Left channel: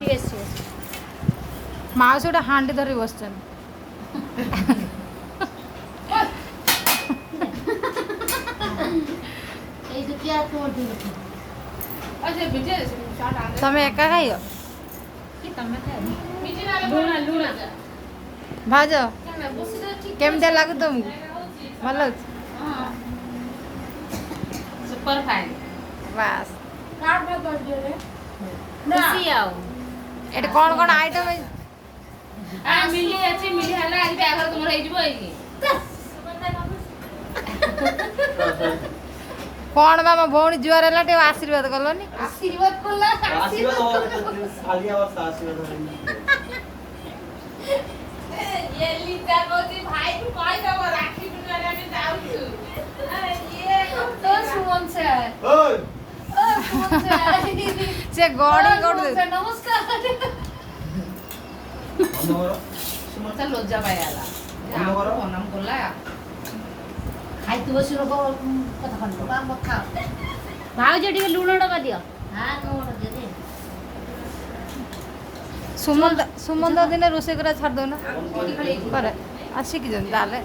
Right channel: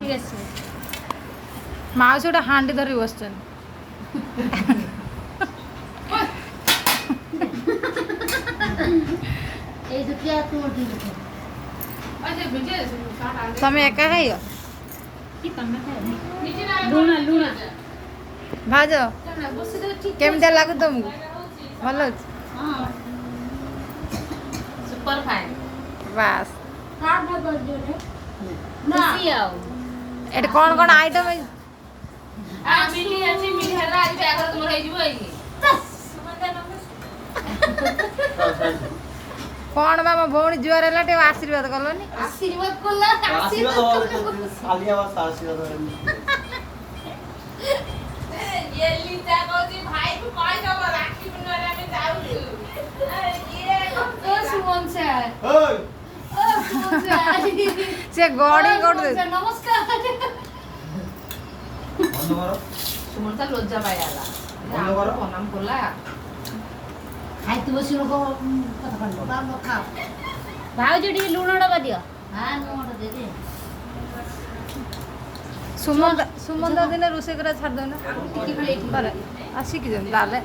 ঠিক আছে মাউসি ওটা হান্ডি ধরে বসছেন তুমি একা খাইও ভাজ কেমতি লাগু তোমাকে ভাল হচ্ছে सुपर फाइन বাস कार्ड में कर दियो रे खुशी आओ এটা কোন কোন আইটেম आ मिली अछि मिली हला आज बागर तुम रही जीवो एई কোন বাবা ভৌणी जुआर ହେଲା टे आशीर्वाद कलोनी आशीर्वाद कोला आशीर्वाद ये लीजा कोती भाई को कहि दब राखी पुनरे में जाऊ छु ये तो सुमन सर ओय से गड़ी गड़ दे नमस्कार सुमन सर लज्जा पायाला प्रणाम कोला खाई तू बसी लोग कथा कहलो काम खा भाउजी टी लूण डबा दियो हां नोट दे दे सुमंद दिन रोसे करा छाड़ दो ना करे आसी की जन डाले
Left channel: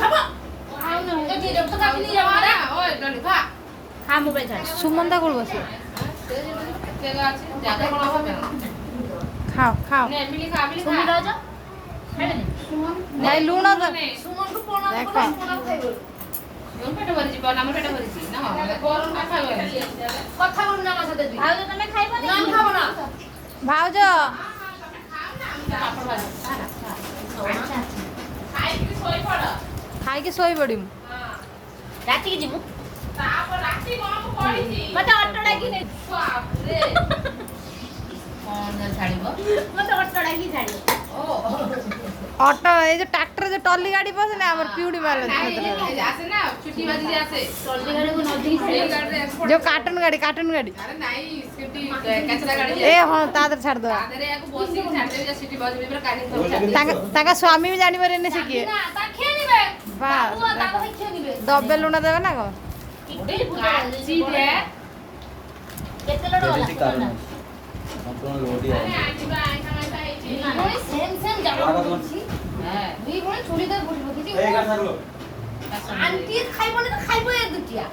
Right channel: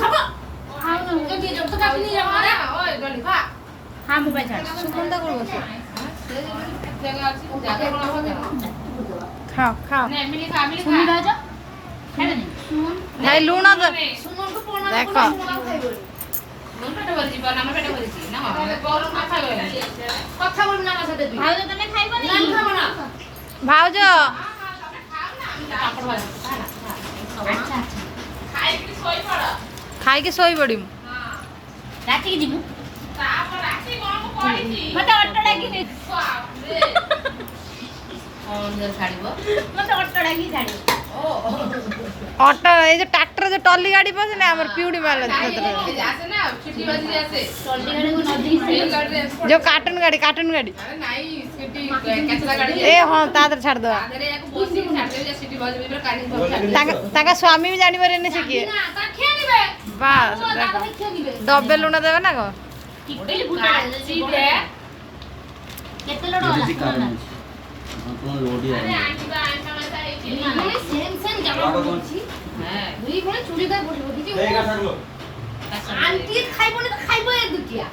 खाबो आउ न ए दे तो काटी नि जाबा ना ओय गली खा हां मोबाइल छाड़ सुमंदा कर बसे जगह আছে জায়গা কোন হবে खाओ खाओ ने मिली खा सुन दो जा खाइबे नि भाई लूण सुमन को प्रणाम देखो। कोला खाइबो मोन पेट भरि जीवन हमर पेट भरि छी ना हम कोन खाता गले কথা বলবি না আমার সাথে তুই ভাই তুমি খাইবো না আমি খাবো না भाउज আচ্ছা খাই কি সই পড়া खाई के सोई पड़ी রাতি কি জিমু তারপর রাতি কোন পড়িছি মতে অটো ডাকি নে বাপ রে কোন দে ছাড়িব মতে অটো ডাকি ছাড়িব ও ऑटो ये जो ट्रैक्टर जो टॉली गाड़ी पास ना हमर पिउडी वाला आसे ना छुट्टी बाजी आसे टोली गाड़ी को नदी से गाड़ी जो कार्टून गाड़ी अरे नहीं सिटी कचरा गाड़ी ए हां तादर छाड़ दो आदरे एक बस से छाड़ दे सिटी बाजी में गाड़ी तो छाड़ दे ताका स्वामी भी जानी पारे ने सिकिए ना ता खेनिबे बस देखो दबे लुना देबे ना को ओडे फुटा जीबे केते लोड वाला अरे आंटीबा आंटा माता आइछि अरे सेम सेम जामा बोलछि हां दुई भले चुरी दे बठिबो किछि आंटी खाइबो ना खाइबो ए दुटिया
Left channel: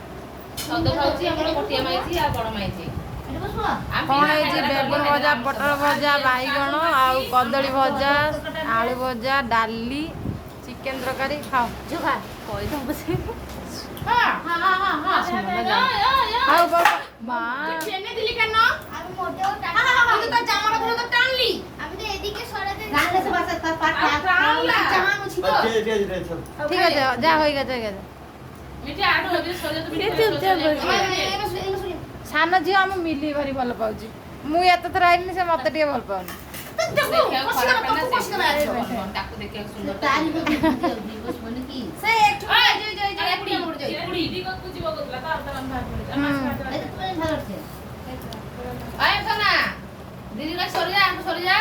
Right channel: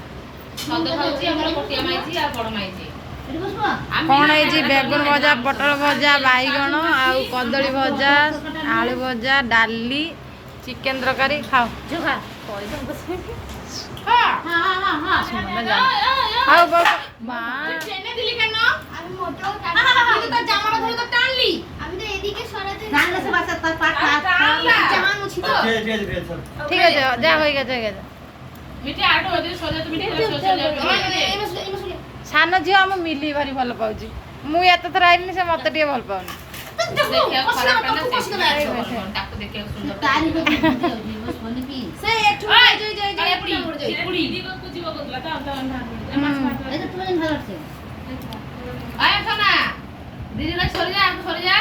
सदे खाउछि हमर कोटिया माइछि आ बड़ माइछि एटा बसवा कौन है जी बेगन भजा पटल भजा बैगण आउ कदली भजा आलू भजा डाली चिकेन तरकारी खाओ जो खा कोई तो बस हां हां हां हां सुमन जा आओ मां ট্রেনে দিলি কেন আমি মোটেও তুই তো জামাটা ধরে তো টানলি আমি তো এদিকে সরাতে জানলে সে বাসা তার পাট জামা মুছি তো ঠিক আছে যা হয়ে গেছে মিঠে আটো ওদি সোজা তুমি ସାନ ଝିଅ ଆମ ମିଲି ଭାରି ଭଲ ପାଉଛି ମୁଁ ଏତେ ଥର ଆଇଲିନି ସେ ମତେ ଟିକେ ଭଲ ପାଉନି ତାକୁ ଦେଖିବାକୁ ସୁନ୍ଦର ତାରି को दिवस बनी की ସେ ଏଠୁ ପୁଡ଼ି ଦିଗକୁ ଯିବ କହୁଥିଲା ତ ए तो तुम भर से আয় সোনা দিদি না সরে যা একটু সরে যা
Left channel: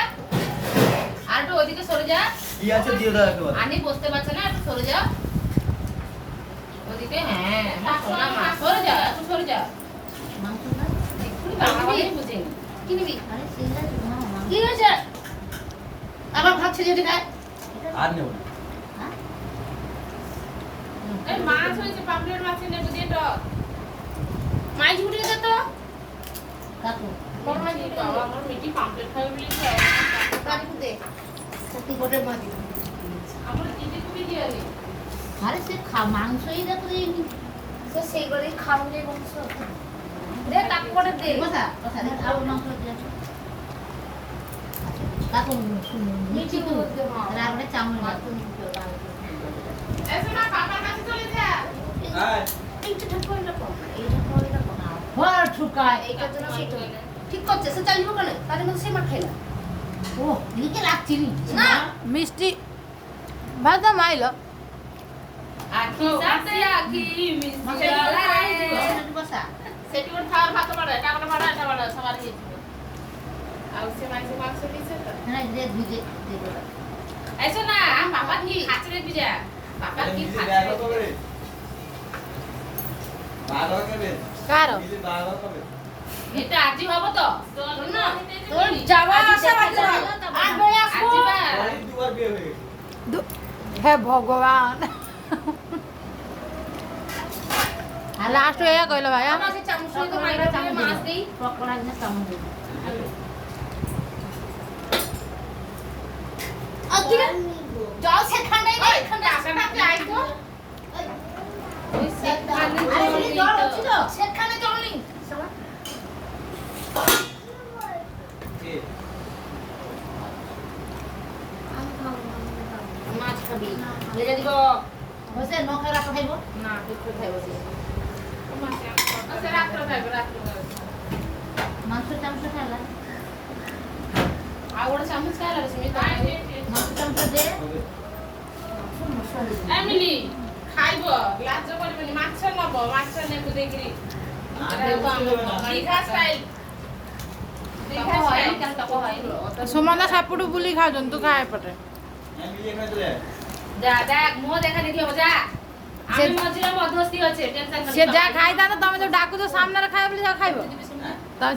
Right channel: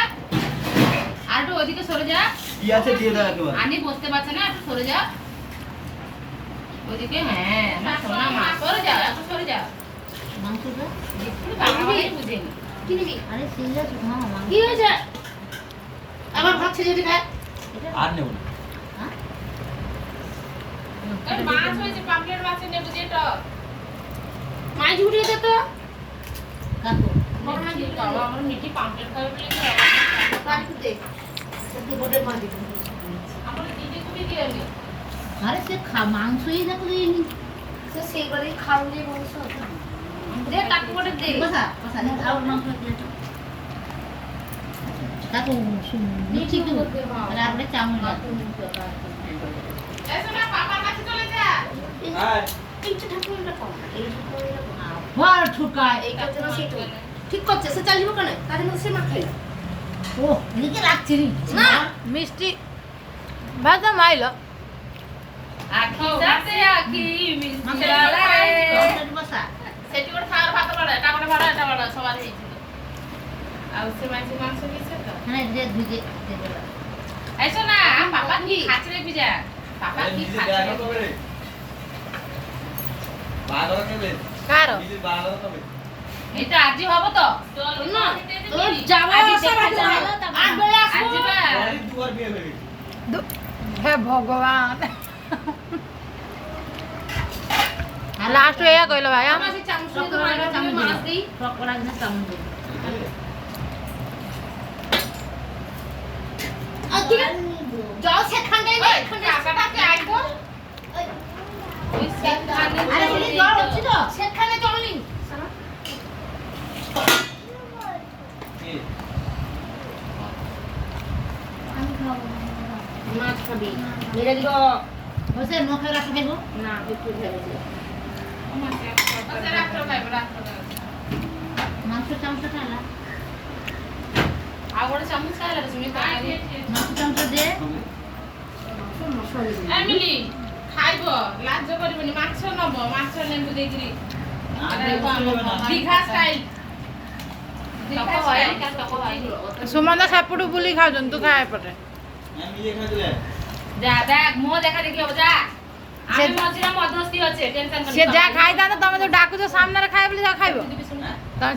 আর একটু ওদিকে সরে যা কি আছে দিয়ে দাও একবার আনি বসতে পারছে না একটু সরে যা ওদিকে হ্যাঁ না সোনা মা সরে যা একটু সরে যা मांस का একটু বাবা বুঝেনি কি নিবি আরে সিঙ্গা না মাংস কি হয়েছে আবার ভাত ছেড়ে দিবি আর নেব না हां আর মাছ হয়েছে পামলেট মাছ নেব যে টক মাই ঝুড়ি দে তো কাটো বড় মাছ ঝুড়ি দাও আমার মিটি পামলেট খাবে বলে তো তারি को दे সত্যি বড় মাছ দিবি আমার দিদি তুমি দিওনি আরে সে মাংসই দেখো দেইনি তো সেই করে খামলে মাংস দে তাক করে দে বসা বসা আর মাংস দিয়ে কাটো শুনো নিচে তো আর আমরা চাউল এসে না পাপার কাছে চলে যা হ্যাঁ এইটা ঠাকুর না কোন এইটা করে না কোন বড় ছুকায় এই কাজ না সেটা ঠিক করছে সে চালিব কেন তার মধ্যে সে মার খাইলা ও লিখে রাখছি না মিষ্টি ভাজা মাইলো আখি সাথে আখি মিষ্টি বসা সেটি ওর খাওয়ার ভাত বাড়া কাকড়া বাড়া এটা বাড়া সবার হয়েছিল আর সে মাইছে মাংস দিয়েছে তো হ্যাঁ দে দে দে আইছো না পাপা কি খাচ্ছে রে বিজা পাপা কি নিজে খাচ্ছে ব্যাগ কবে বাঘ হবে কার নিজে বাঘ হবে এটা আজি হব তো না তোর যাওয়া আজি আসা দেখা বাকি যাবে। রইলো, 8 বেলা আসবো। আজি বা অনেক দুবার বিয়ে হয়ে গেছে। হে ভগবান লাস্ট এয়া কইলো ভাইয়া আমার সেই চামচ দিয়ে তো বাইরে চামচ মাছ দেই পকোড়া কিনা চামচ দেবো। আর ঠিক আছে যাও সেখানটাই না এখানটাই টাকাটাকে আইবো ওই সেট আরে এই জল হচ্ছে তো সেখানে চলনি কে? আমি খাবো মাছ খাবি মেরে দিব বসে নখে রাখা খাইবো না একটু খাইবো ও মাছ আচ্ছা রাখো খাইবো রাখো মাংস চামচ খাইলা আর ওটা চামচ খাইলা তুমি মাংস চামচ দে এমিলি খাইব লাজ করবেনি মাছ নব মাছ নেবো দেখি আর নেবো ছিল না। দীঘা স্টাইল দীঘা স্টাইল কেন তক হয়নি সুমন্দা সাপুটু বুলি খাওজন তু খায় পটে আমি মিলিয়ে খাই দিলে। যা দেখ মুহ দেখা দেখি হব যা সে- আমি মজুরা মধ্যস্থি আছে টেনশন সে যা খাই দানা তুমি তো ডাকুছ সামনে খাই বলি যা খাইব তুমি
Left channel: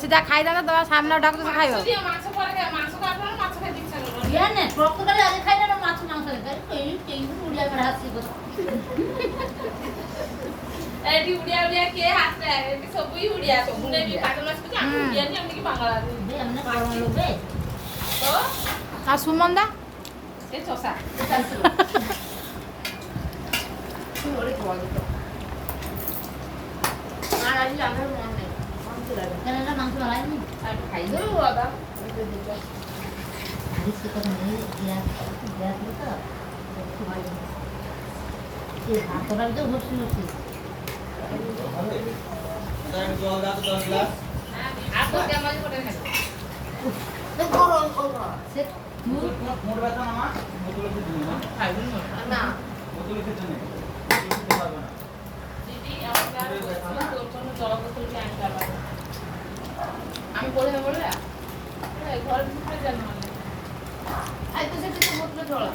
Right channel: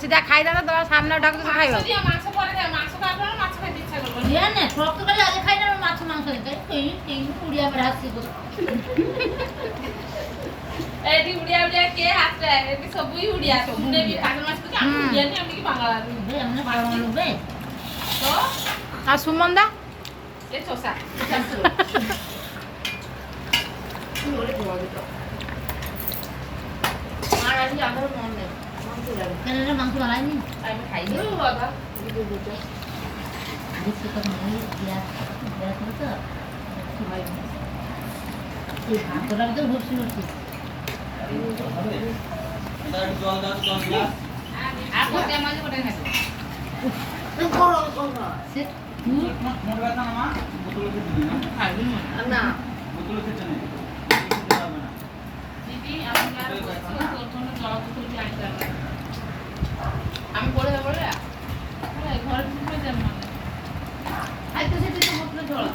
সে যা খাই দানা তোমার সামনে ডাকুছ খাইব মাছ পরে মাছ খাবো না মাছ খাইতে ইচ্ছা করবে দিয়ে নে টক করে আগে খাই না মাছ মাংস দে এই উড়িয়া বেড়া আসছি তো এটি উড়িয়া উড়িয়া কে হাসে এটি সবই উড়িয়া তো মুনে বি কাজ মাছ তো আমি উড়িয়া নি আমি কি বাংলা বে আমরা পাগল লোবে তো আর সুমন্দা এ চোসা কি ওরে গোয়া দিত আর আমি আমার মন নেই মন তো লাগে কেন এটা মাংস বাড়াইনি আমি খাই দেব দাদা আরে সে তো মানে দিয়া দিয়া তো একটু ভাই এই ভাতটা তো হচ্ছে হচ্ছে হবে? তার একটু জল দাও তো 10 গ্লাস। আর কোটে মাছ কোটে খাবো সে মোর ব্যথা না মা? বোতলে খেতে নেই, মা। খাইবি মন না বোতলে খেতে নেই। খেতে পারবে না। দিদি আমি আর তোর জন্য জল বোতল কি আনতে হবে আমি পড়ে যাবো রে আরে ঘরে ভিতরে যাব মানে আই তো সেটা বোতলে জল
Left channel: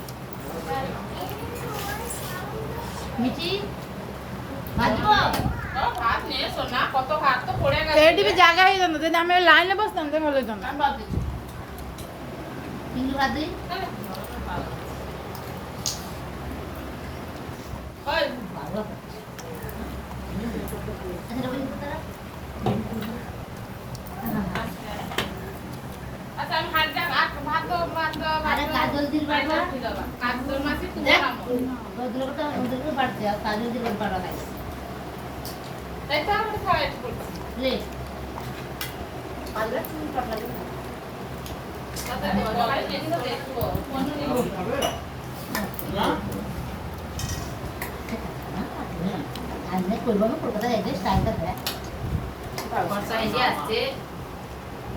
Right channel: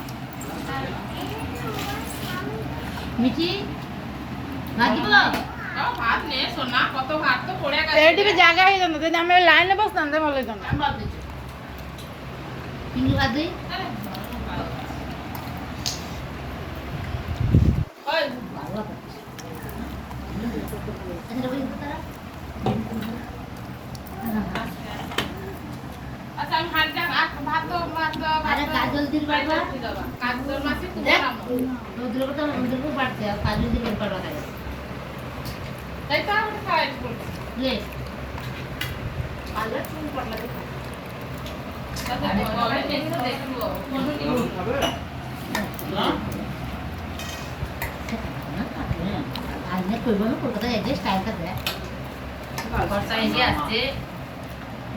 মিচি ভাজব ভাত নে সোনা কত ভাত তো পড়ে গেছে এইটি বি জায়গা হই জানো যদি আমি লাইনে বসতাম তে ভালো হইতো না আমি ভাত দিচ্ছি কিন্তু ভাজি ওই আচ্ছা আমি ভাত দেখ ভাত তো ভাত আরে কাজল দিল বাবা কাজল মাছি দেখ কুড়ালাম রোদ্রকে বাড়তে কাজল দিল বাবা খাই তাই তো আমি খাই বলছি লে পারলে তুমি পারলে আচ্ছা দেখো আমি দেখো দেখো কোন নিয়ে না? আজকে কইবো না কলকাতা যাইতে স্টাইলটা দেখ বর্ষা এসে আসছে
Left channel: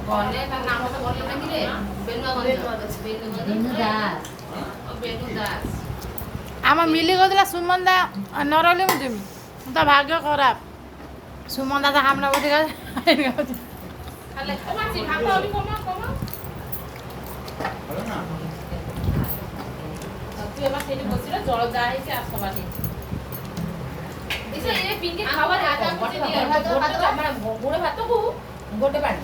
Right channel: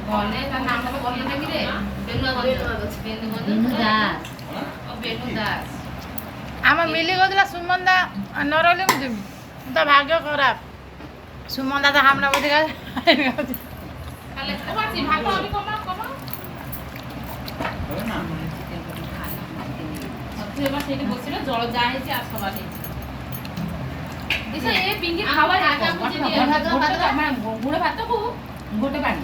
বলে তার নাম তো বললে নাকি রে বেনু দিনু দাস ও বেনু দাস আমার মিলি গেছিল সুমন্দা নরলে মুদিম তা ভাগ্য খারাপ সুমন্দা তো আমরা বসে গেছে তাহলে তোমার কি ভাত হবে কমা কমা হবে না? তুই এবার সেটি বলছিল জল যা হয়েছে আর সবার দিছে এ পিঙ্কি খাবার আগা বুঝে দিয়ে মানে গুড়ে ভাত তো গোটে পানি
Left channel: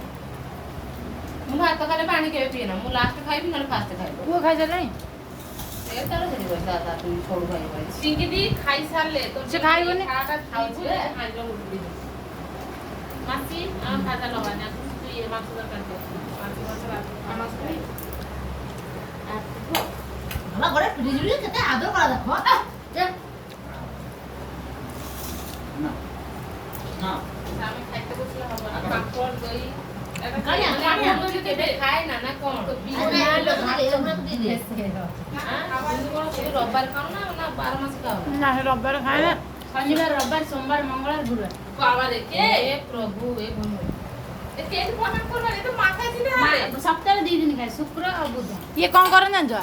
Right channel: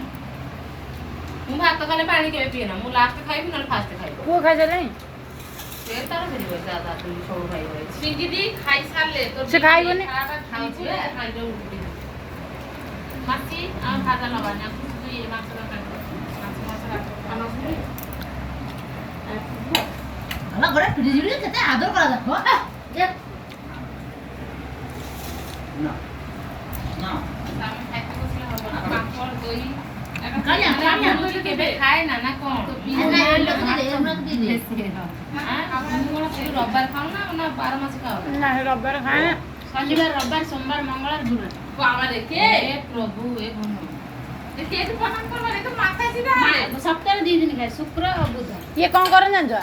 ମୁଁ ଭାତ ଖାଲି ପାଣି କେବେ ପିଏ ନା ମୁଁ ଲାଷ୍ଟ ଖାଇବି ନହେଲେ ଫାଷ୍ଟ ଖାଇବି ପୁଅ ଖାଇସାରିଲାଣି ସେ ତାର ସେଠି ବସି ଦାଦା ତୁ ସବୁ ଖାଇବ ପିଙ୍କିଦି ଖାଇସାରିଲେ ସେ ଖାଇବନି? ଖାଉଛି ଖାଇଲେ ଉଠି ମାଛି ଆମ ଖାତା ଲଗାନି ତୁ ଏ ମାଛ ଦରକାର ମାଛ ମାଛ ରାତି আমার ঘরে ফ্রিজ জুড়ে খেতে আদর করা দেখো না। না। আমি খাইতে বসলে হবে না পাঁপড় দই কালি আমি কেবে খায় না না কোন রবিবার খাও না না 12 মাসে খাও না রবিবার খায় না শনিবার রবিবার সোমবার মঙ্গলবার গুরুবার বাবা রে কে প্রভু এ বন্ধু এ কে প্রণাম করবা রে তো মাথা সিধা হবে সপ্তাহে 2 দিন খাই শুক্র ও বুধ ইয়ে কଣ করে জাଣିଛ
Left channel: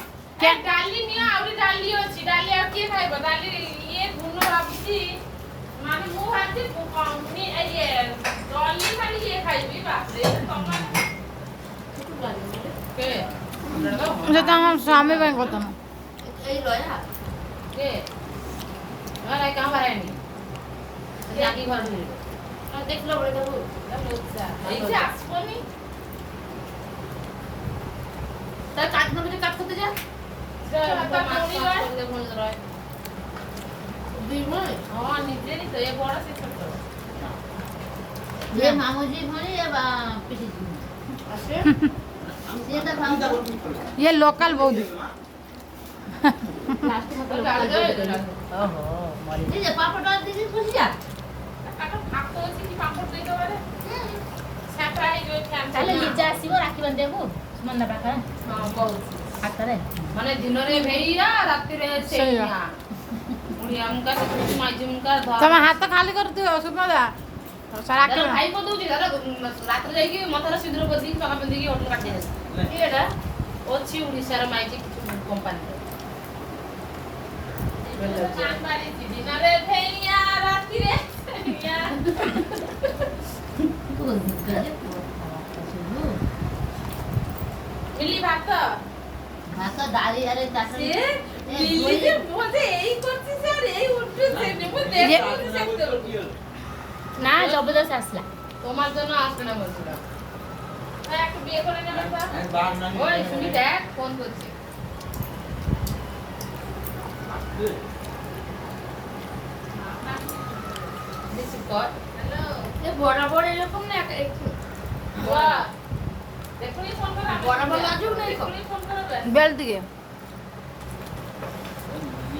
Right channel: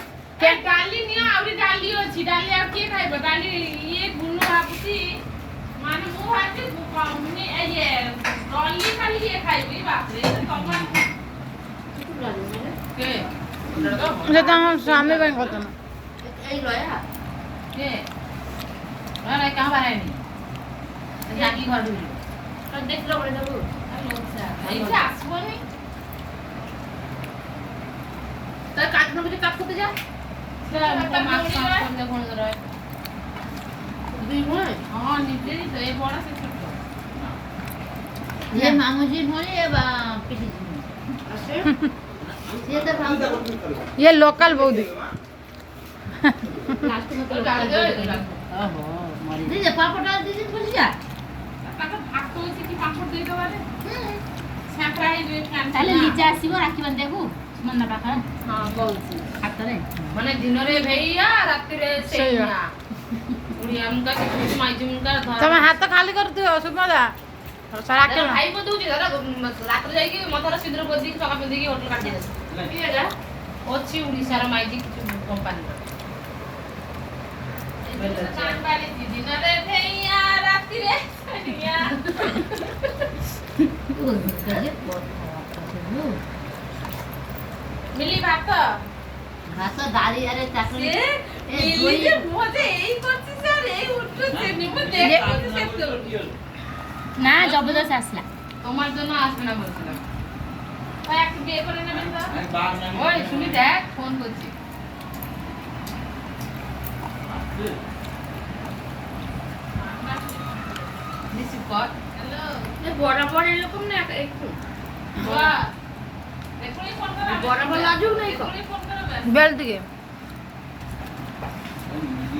ডালি নিয়ে আউরি ডালি ଅଛି ডালি আর কি খাইব ডালি ইয়ে গুনো ভাবছি মানে মু ভাবছি মুনি ইয়ে ডালি খালি ইয়ে খাইবি বাপরে তোমরা কে সেটা আমার স্বামী ପାଇଁ কথা না এই লয়া কে আরে কাহ বারাইনি জাকি ঘর আর দেখলো বলে দেবো এইটা আসবনি তার কাজ না কাজ করতে যা মাছ করলে মনে ধরে দুই বোন হ্যাঁ নিজেরই তো এ বড় সে ছোট ये मामूजी भोले या पिसी जी ये तो भाव ये लोकल बौदी लास्ट में तो ओहो मारी नहीं ये पापड़ डाल दीजिए खुश जा একটা ভাগ করেছি কি পাঁপড় দিতে পারে স্যাঁকড়া হয়ে যাবে ফ্যান তাহলে লিজা আসিব রাখি বান্ধে দেখো মন্না পাখা হ্যাঁ কହୁଛି হাতরে মানে দিନରେ ভেইয়া রাত্রিরে ସେଇଆ। ସେଇଆ ଉଡିଆ ମୁକା କିଛି ମାଇଜି ମୁକା ତମେ ହାତ ଖାଲି କରୁଥିବ ସୁମଦା ରାକ୍ଷୀ ଭାଇ ମତେ ଦଉଛି ଦାଦା ରାତିରେ ଯାଇକି ମଥାର ସିନ୍ଦୁର ବସିକି ଚକା ପିନ୍ଧିକି ହୋଟେଲ କାଟି ଦେଉଛି ଏଇଟା ଅଛି ଓଡ଼ିଶାର ମାଇଜି କମ୍ପାନୀର ଦିନରେ ଭେଇଆ ରାତିରେ ସେଇଆ। ओ गजे बहुत खावा ମିଲି ଭାତ भाषा दाली अरे चाकरी ଏ ମିଲି ଯେ ମତେ ଏଇ କରୁଛି ସାର୍ ଏଇ ଉଠୁଛି ମୁଁ ଦେଖୁଛି ସେତେବେଳେ না জবরদস্ত আসলা তোমার জন্য আসবে না বলছিলাম একটু বিয়ে করে নেবেন তা আমি বাঘ না ওই শুনি দেখ ফোন করছি রিসিভ কর হ্যালো এ বরাবর এরকম না একটু বাহ এখনই ফোন করা বরাবর লাজুক নাই তো এখনই ফোন করা বেল দিকে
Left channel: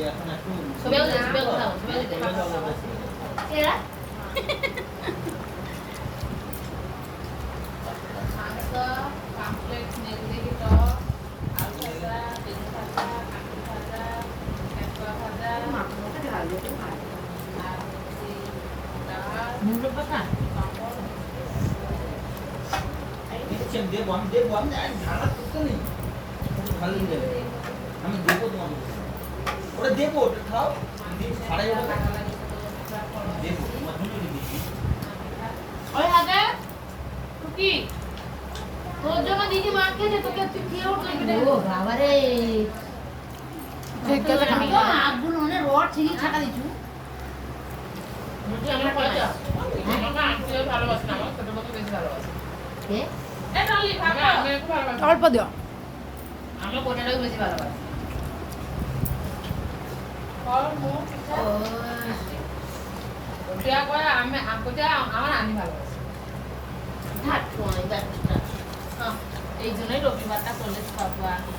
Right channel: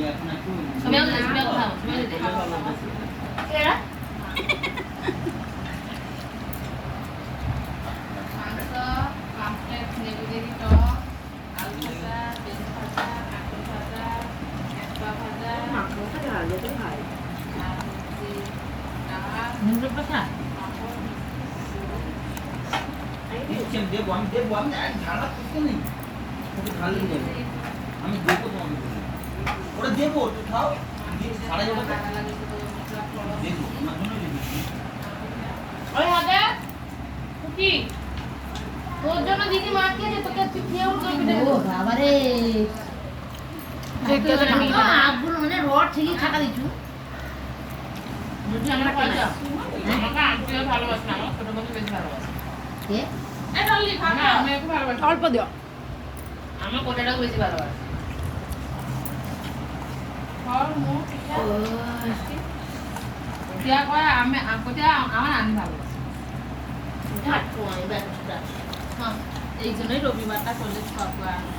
এখন একটু সবাই সবাই খাও সবাই দেখা এরা মাংস পাম্পলেট নেগুড়ি টক আলু ভাজা তেল ভাজা কাঁকড়ি ভাজা কেঁচা ভাজা আর হচ্ছে ডাল মুরো পাখা পাঁপড় দিচ্ছেন দেবো আমি দেবো আপনি ঝাড়া করতে নেই ঝাল দিয়ে দেবে আমি দেবো তোমাকে ওটা দেবো ওটা খাও সারাই ওটা দেবো তোমার জন্য দিচ্ছি ওই আগে কুকি তোর জন্য দিদি মাকে যে তোকে তুই খেয়েও করবি ও বাবা রে ঠিক আছে আগুন মানে রড ঠিকই থাকা দিছু রুটি আমরা করে যাও আমাকে আন্টিও ভালোবাসে না আমার ছোট বোনকে বেশি ভালোবাসে কে এ চললি ভালো আমি খুব ভালোবাসি অল্প দিও আমার কোটাটাও বেশি ভালোবাসে ফল মুখ কোটিয়া কয় আমি কোটিয়া আমার আমি ভালোবাসি ধাটু আই বাচ্চা হ্যাঁ এই জন্যই রবিবারটা করলে খাবো আমি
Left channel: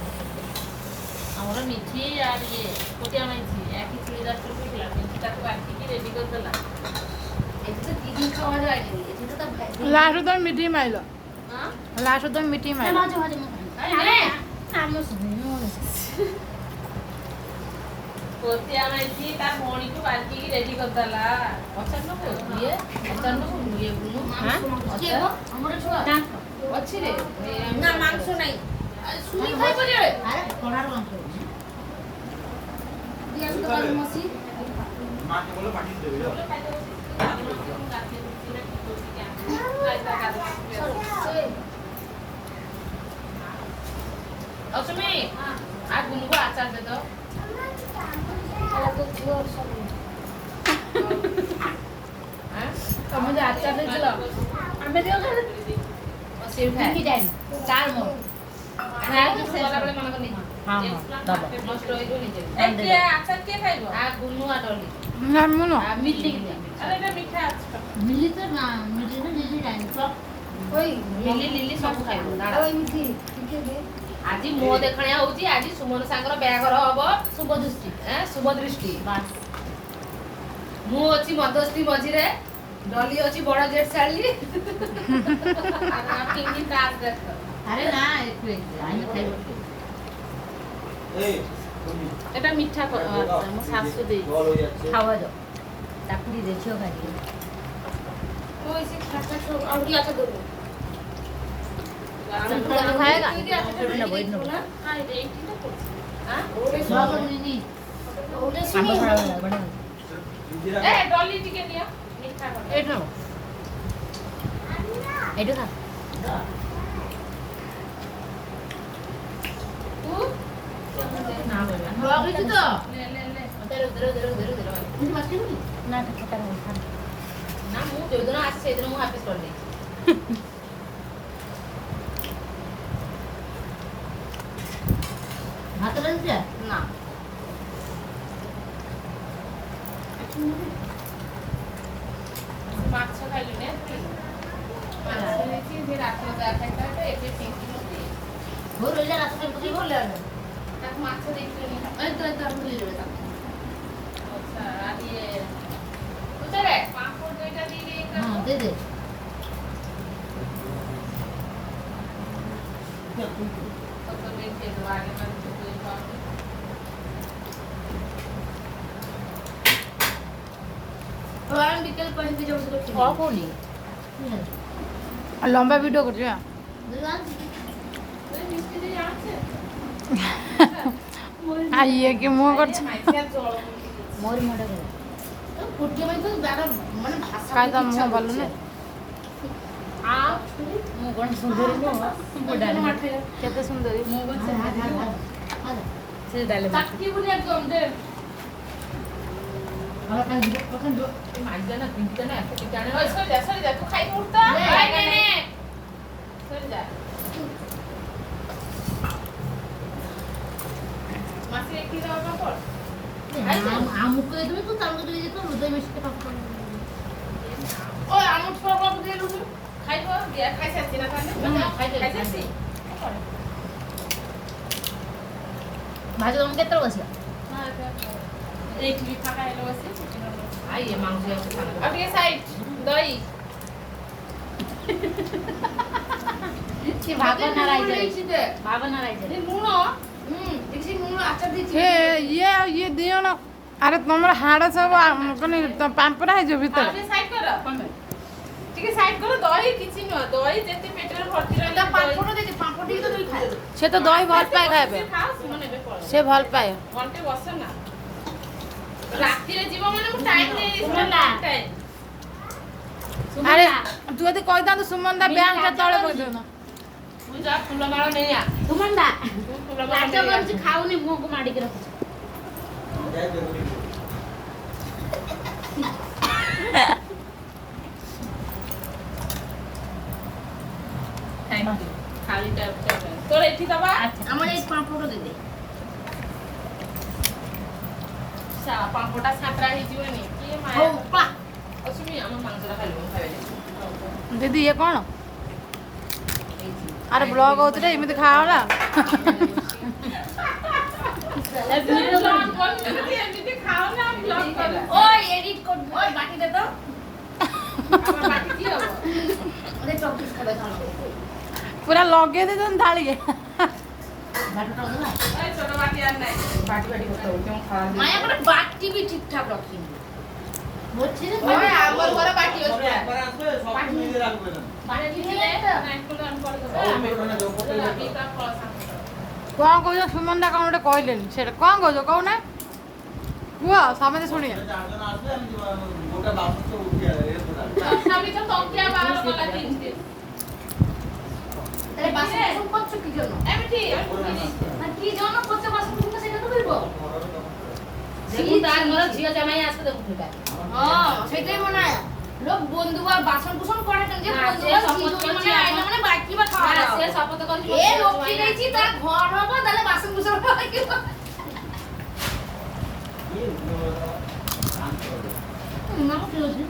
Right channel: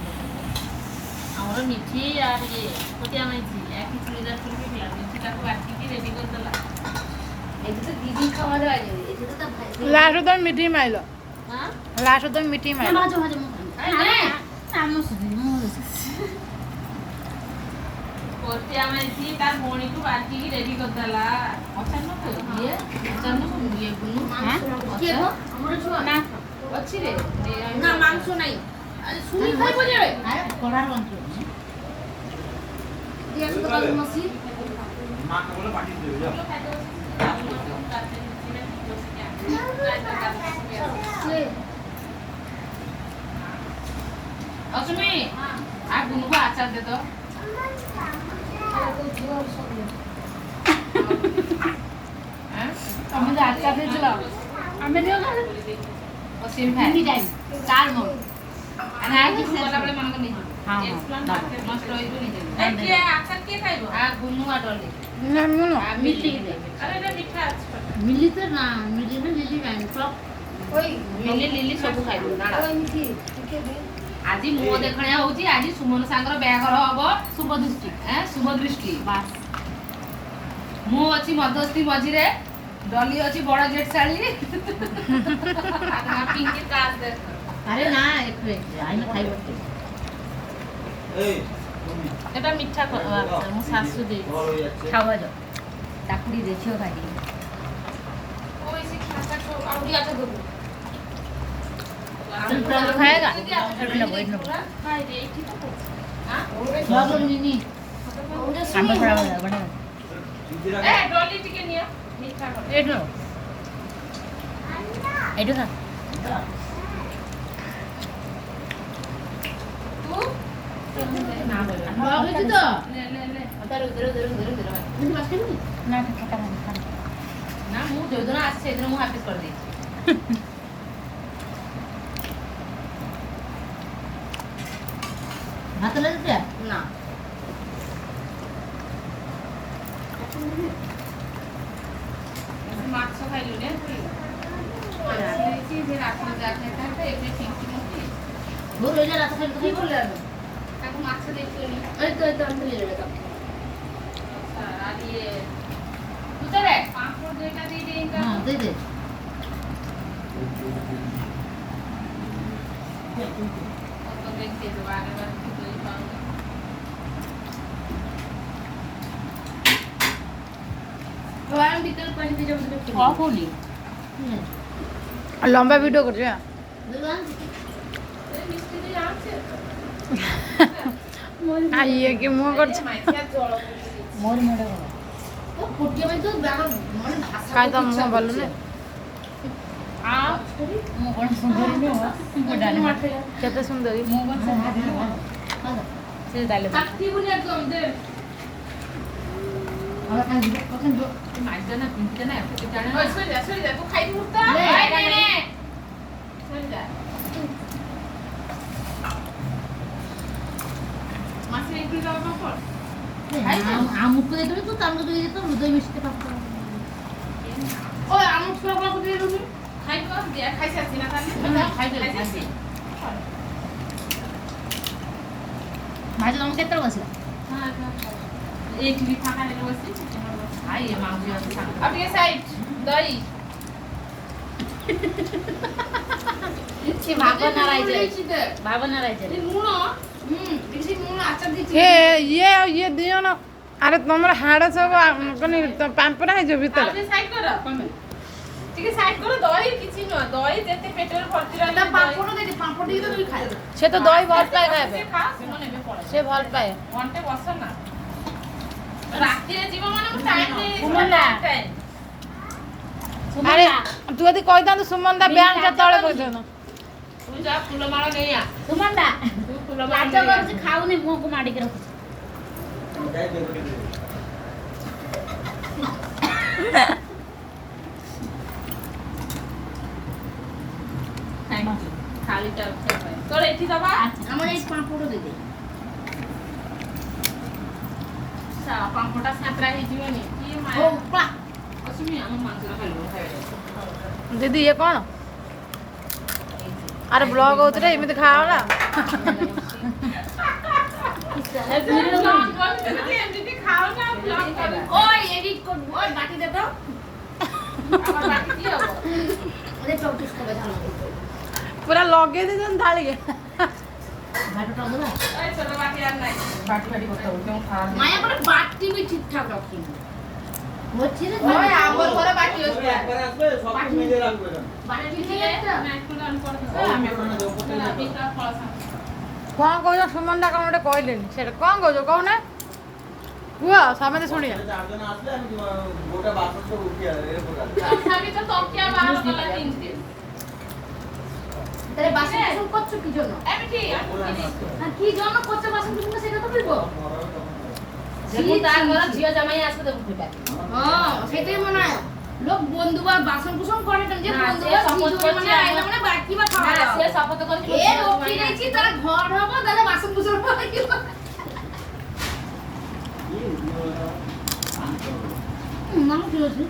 আমরা মিঠি আর ইয়ে কোটিয়া মাইছি একই চুড়িদার কিনলাম কিন্তু তাকে বাকি কি রেডি করে দিলাম এটা তো দিদি খাওয়া যায় এটা তো ভাই লাস্ট তুমি মিঠি মাইল হ্যাঁ লাস্ট তুমি মিঠি মাইল মাঝে মাঝে মুখ আরে আমো সুনি কোটিয়া মাইছি তার ভଉଣୀକୁ ବାକି ରେଡି କରିଦେଲା ଅଚାନକ ଇଏ ଅଚାନକ ଇଏ ଗୁନୁ কে গো আমার ছুয়া ନା ଅଛି ରେ না মাংস নাই শুনি খাইব যে আরে কড়ার মাংস দিয়া শুধু কালু মাসি মাকে বলে পাঠিয়ে দেবে যাও অসমি আর গুনগু আচার দে তো তুমি যে আচার দিয়েছিল আমি দিও না অসীম ভাই কি টাইম চার মন আর আজ সেলা বলে মনে করে নিজি হ্যাঁ বাবা নষ্ট হইব নিজে এই কে আচার কে খাইব আর গুনু আর ডলি না মনো আর মিলি আরে এটা মিঠা আছে মিলি তো না মিলি না মিলি টাইম সব ওই মিলি লিলি ସବୁ ଖାଇବୁ ନା ওই মিঠি ঠিক আছে ଆଜି ମୁହ ଦେଖଣିଆ ହଉଛି ଆଜି ସୁମନ ସାଙ୍ଗର ବାହାଘର ହବ শুভ দৃষ্টি ଶୁଭ ଦୃଷ୍ଟି বাস ମୁଁ ଅଛି ମଧ୍ୟସ୍ଥି ମଝିରେ ଡଲି ଅଛି ବଡ ଜେଟ୍ ଶାଳୀ ପିଙ୍କି କାজ ଦେଖ আরে না একটু আমি খাইব এই এটা মিঠা ମୋ ଶାଶୁ ଦେଇଛି জল হয়ে যাচ্ছে খাওয়া দাও তাকুড়ি দেখিও খাই ওই সে খাতা সব আউরি আছে দেবো খাएगा নেবো নেবো খাই রে এইটি তো করছি হ্যাঁ সব নিনি সাম্বা ছড়া বড় ইন্দিরা এ ডলি টিকে নিয়া মিঠা করে এটো এটো খা তু না বলে বাবা তো লে লে লে ধরো ধরো ধরো ধরো ধরো তুমি মাছ খাবি না খাতা না ନା ମୁଁ ଯୋଉଦିନ ଆସିଛି ସେଇଦିନ ମୁଁ ହାଫିସ୍ କରିଦେଇଛି। ଭାତ ଲାଗିଛି ନା ମାଛ ଖାଇଲୁ ନା ମାଛ ହେଇଛି ସେ ରାତିରେ ଯା ଖାଇଥାଏ ଏବେ ପିଙ୍କି ପକେଇ ବହୁତ ରହିଲା ରାତ ଖାଇ ପକେଇ ଭଲ ଲାଗେ ତାକୁ ମାଛ ଦେଇଥିଲି ଏ ତ ମିଳିଲେ ତ ଆଚ୍ଛା ଆଉ ଇଏ ଉତ୍ତରେ ପାମ୍ପଡ଼ ଦୁଇଟା ଦେଇଦେଇ ହଁ ଦେ ଦେ ତ ଦେଖେ ଦେବା ଆଗ भगवान बिकल पहले जब से କଣ କହୁନି ଲମ୍ବା ଭିଡ଼ିଓ କରୁଛୁ ମିସ୍ତ୍ରୀ ଜାଣିছে ଆ ଇଏ କି ମୁହଁ କରୁଛୁ ମାଇକିଆ ଜଳ ମୋର ମଡା ଗଲା तो फुटिया में तो बागा माने भाषा କାହିଁ ତମ ମୁହଁ ଭଲ ନାହିଁ ମୁଁ କଣ ସୁନ୍ଦରୀ ନୁହଁ ମୁଁ ଡାଲି କେତେ ସୁନ୍ଦରୀ ମୁଁ କଣ ସେ ଡାଲି କାଟି ବୁନି একদম দে ଆଉ କାଇଁ ଯିବ କଣ ଯିବ মাইজা না পিনতে না এত জানে ওই সরি যা তুই খাই মুহূর্ত নে, নে সরি যা মাসে একটু যাওয়া পর আমুক এদরে তো তামুক দিয়ে দিত হৃদয় মিষ্টি পাপ ওই আমুক সব বাবু দিয়ে দিলু খাইবো দিয়া খাইছাছি না তাহলে খাইছাছি ভাজি তুমি কেতে বসলা হ্যাঁ এই টিভি ফাঁকা এলো বসে আই এ মাউজি আছে ফাঁকা আপনি সাইড দই সে ভাবনা রাইছে रे ভাবনা রাইছে মুনো बेसी मुंह आचार दी ଏ ଇଏ ଦି ଜଣ ଆରେ ତମର ହାଡ଼ ସବୁ ପାମ୍ପରା ହେଇଯିବ ଭିତରେ আপনি সাইড করো ঠিক আছে সাইড করো দই কিছু না দই যেতে পেটের ভর্তি ना রইলে पापड़ दे दे पापड़ दी तो नहीं खाए সে তো দই ভাল পায় খাইবে খাও শুনো নেবে পড়ে সে ভাল পায় ঘন্টে বস না রাত্রিরে জীব মানে ମୁଁ টাইম নেই সুমনা। আরে তুই যদি କହିଥାନ୍ତୁ ସୁମନ ଦା ବ୍ୟାଙ୍କ କେତେବେଳେ ପକେଇଥାନ୍ତୁ তুই যা ফুল মাଳ নেই আ ତୁମଣ୍ଡା তুই ফুল মাଳ ଲାଜ କରୁଛି ଖାଉନି ମୁହଁକୁ ମାଡ଼ିକି ରଖୁଛି যাই দেখো থ্যাংক ইউ খালিটা উঠে পায় তোর এটি দবা हमारे इस पापड़ दे दे সা পাম্পটা সাঁতরা হই জিবনি কি ओ মায়া पा অসমি আমার মাংসটা খাইব খাইবে ଦିଦି ଇଏ କ'ଣ ଆରେ ବ୍ଲଗ ହଉଛି ରେ ଏମିତି ଖାଅ ନା এমনিতে খাও না ব্লগ করে ओए एडिट कर ओए बाकी दे तो আমার বাকি কি হবে अरे प्रैक्टिस कर बैठा ପୁରା ଲଗେଇ ଦେଇଛନ୍ତି ଥାଳିକେ ଭାତ ପାଉଦବା ওই ছোট বাটি আর নাই বাটি বাটি করতে হবে কেমন খাওয়া माया को बाटी भी ठीक ठाक रखी হচ্ছে রে ওই আমার বড় বাটি সবে আছে একবার আসবে সব মিলে রাখবো এরকম। बाटी না একটু রান করে দেবো আমি বিকা ফল କ'ଣ କହୁଛ ସୁମନ ଦା କ'ଣ ଗୋଟେ କହିଲେନି ସେଇଟା କ'ଣ କହୁଛ କହୁନା କୁହ ସମସ୍ତେ ଶୁଣିବେ চারজন আসলে আমি গোটা বাসন তো উঠিয়ে এরকম সবই তো তকিয়া বাহার তোলা তিনটে তাহলে বাসন কুসুম করছো কি জন্য আমি ঠিক না কি জন্য করছো বাসন কুসুম সেটা তো বলবো দেখুন তার ঘরে ঝিয়া জামাই আসবে দেখুন ফুটা হ্যাঁ সেটাই মনে হয় লোক বন্ধু বা বাসন কুসুম করে কেন যে না, বন্ধু সে শপথ করছে আইলে মানে বাকি বা খাওয়া না সে শপথ করে এ লক্ষ্মী গেছি তার ঘর হবো তাহলে বাসন কুসুম হবে কি নাম কি আছে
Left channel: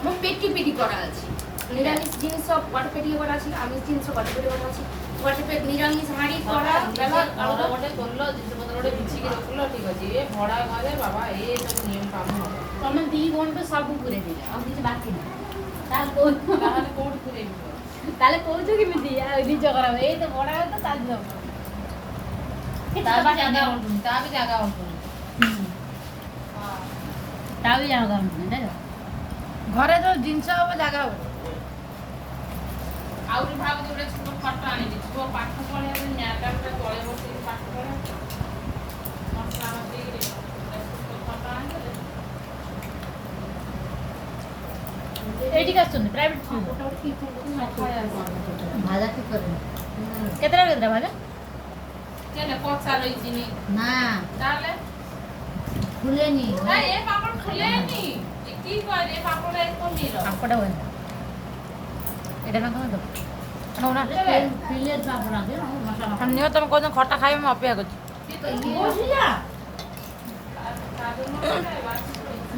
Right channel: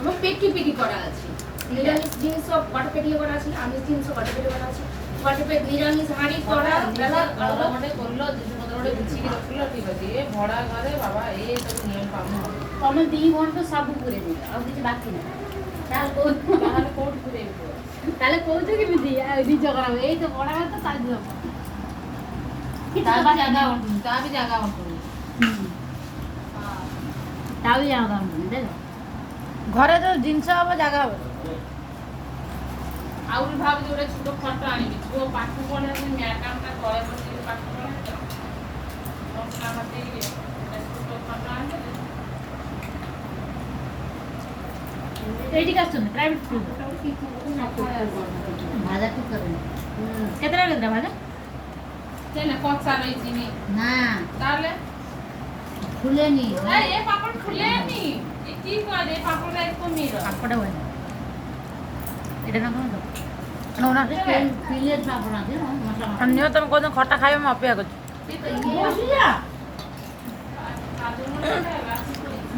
আমার পেটি পেটি করা আছে নিরামিষ জিনিস সব কটা পেটি করা আছে আমিষ জিনিস কটা পেটি করা আছে কটা পেটি নিরামিষ হাঁড়ি করা বেলা আলাদা ଗୋଟେ করলো জিনিসপত্র ଗୋଟେ বিছিକି ରଖିଲ ଠିକ ଅଛି ଏ ଭଡା ଘରେ ବାବା ଏ ସବୁ ନିୟମ କାମ ହବ ତମେ ଦି ଘଣ୍ଟା ସବୁ ପୁରେଇ ଦେବି ଆଉ କିଛି ବାକି ନାହିଁ ତାହେଲେ କହୁଛୁ ତାହେଲେ କୋଉଠି ପୁରେଇବି ତାହେଲେ କହୁଛୁ କେମିତି ଆଉ ନିଜ ଖରାପ ଏଇ ତ ବଡ କଥା ତାହେଲେ ଯିବ ତା ବି ଜାଗା ଉଠୁନି ତା ବି ଜାଗା ଉଠୁନି ତା ବି ଜାଣ କରୁନି ଦେଖ ଘରେ ଯୋଉ ଜିନିଷ ହବ ଜାଗା ହବ ଆହୁରି ଭାବୁଛି ଗୋଟେ ଛୋଟ ଖଟ ଆଣିବି ପୁଅ ପାଠ ପଢେ ମ୍ୟାଡାମଟା ତଳେ ବସିକି ପାଠ ପଢେ ମସଲା ନଦେଇକି ଛୋଟ ଖଟ ଆଣିଦେଲେ ଏଇଠିକି ଆସୁଛନ୍ତି ପ୍ରାଇଭେଟ ସ୍କୁଲ ଭାଜା ଠିକ କରେନି କେତେଟା ଭାଜା কেন কচা রয়েছি নি না তাহলে খুলেনি না এ পাপড় খুলে নি এ কি করে পাপড়ে একটু নিল পাপড়ে হয় না এটা না কোনো না ফিলের পাপড় আছে মশলা নিও তুমি কোনদিন খটা খাইবে আমি অপেক্ষা করছি বসি যা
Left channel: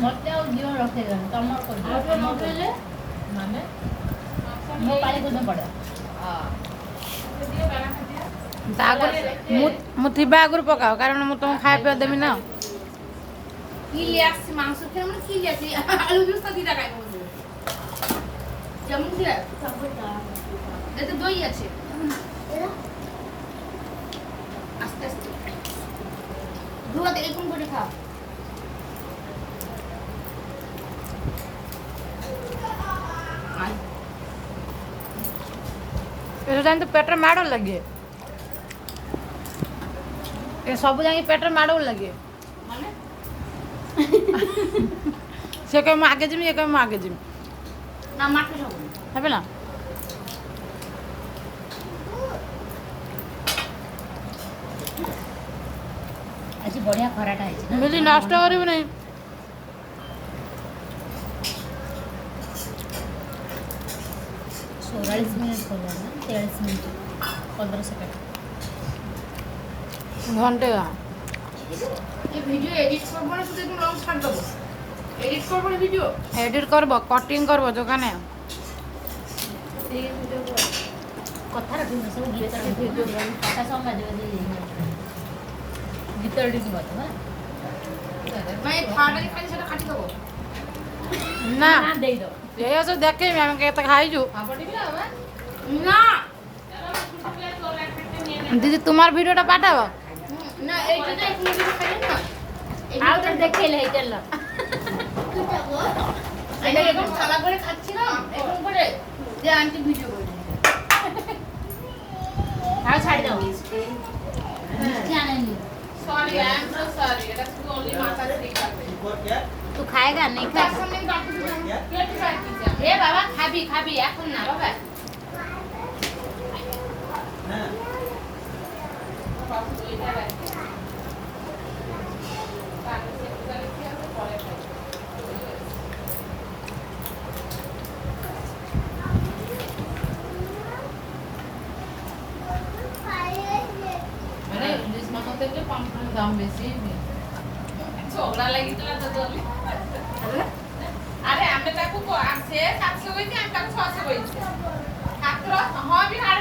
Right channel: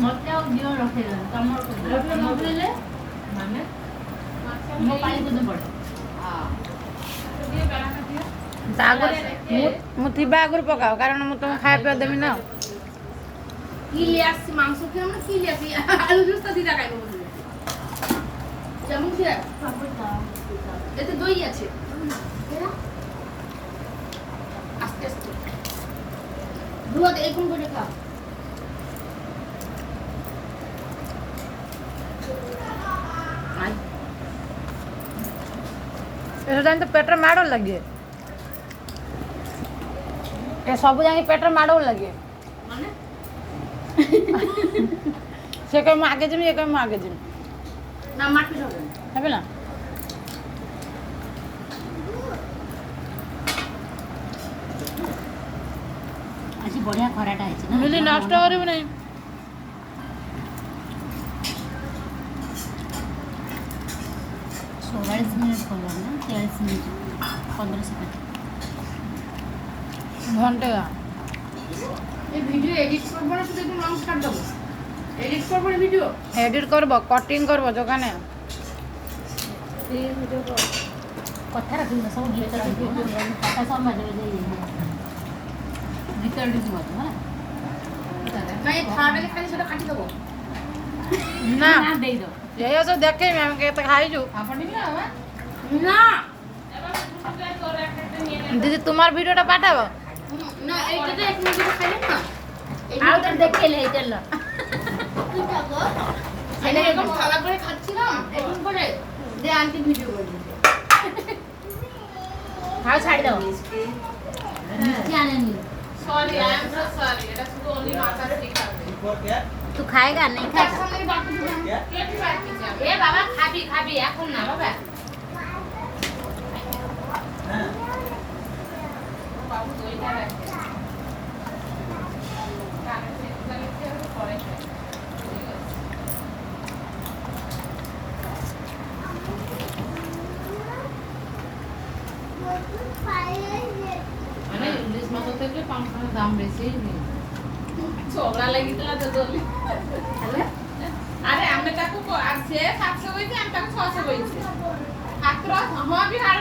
মতেও দিও রখে দেন তোমার তো রখে না পেলে মানে ମୋ ପାଣି କୋଉଦିନ ପଡେ ତା ଆଗରୁ ମୁଁ ଥିବା ଆଗରୁ ପକାଅ କାରଣ ମୁଁ ତମକୁ ଖାଇବା ପିଇବା ଦେବି ନା কি লিয়ে আসছি মাংস খেয়ে আমরা কি লিয়ে আসছি আলু জুস তো দিদা খাইবো যেমন কি এতে দই আছে আস্তে আস্তে দুয়াতে এরকম করে খা আই ଏସବୁ ଜାଣି ତ ପେଟରେ ମାଡ଼ ଲାଗେ ଏ ସବୁ ଯାଇକି ପେଟରେ ମାଡ଼ ଲାଗେ মানে ସେ କହିବ ମୁଁ ଆଗେ ଯିବି ଏ କହିବ ମୁଁ ଆଗେ ଯିବି না মাটি হবে না ହେବେ ନା ଆଜି ବଢିଆ ଖରାଟା ହେଇଛି ନା ମିଲି ନଷ୍ଟ କରିବୁ ନାହିଁ 44 ମିନିଟ୍ କଲା ନା 43 ମିନିଟ୍ 15 ସେକେଣ୍ଡ ঘন্টে এই ভিডিও এডিট করবো না শুধু একটু লং ছাড় দেবো এডিট করবো না ভিডিও এডিট করব কটিং করব দোকানে କଥା ରଖିବୁ ସବୁ ଗୀତ ରଖିବୁ କଥା ସବୁ ମଝିରେ ମଝିରେ ଗୀତ ଏଡ଼ିଟ୍ ମଧ୍ୟ মানে খাওয়াটাকে খালি সেটা কাটি দেবো ନା ନା ଦେଇଦେବ ଏଇଆ ସବୁ ଦେଖେଇବି ଆମେ କେତେ ଖାଇଛୁ না ଦିଦି ତୁମାର ଭିଡ଼ିଓଟା ପାଠାବ না এইটা তো এক মিনিট খাবে না ଆଉ ଥରେ ଦେଖେଇଲେ ହେଇଥିଲା এটা এরকম থালা করে খাচ্ছিলাম এরকম করে যে আন্টি ভিডিও করে ଆଉ ଛାଡ଼ିଦେବ ମିষ্ଟି ଆଣେନି sorry I am so sorry এটা শুধু অনলি মাথাতে ঠিক আছে और क्या ତୁ ଖାଏଗା नहीं তার ଖାएगा সামনে ডাক্তার দিবেন क्या কেটে রাখছি এ বাবা খাবি খাবি এখন না বাবা हाँ বাবু দইটা রাখছি কারণ সেটা লিখে আছে পরে ମାନେ ଇଲିଶ ମାଛ থেকে পাঁচশো দাম বেশি ছোবরা লাগিতলা তো দলি আরে আমরা তাকে সে 700 কইছি আমি তাকে 600 কইছি মাত্র হ্যাঁ বি হাড়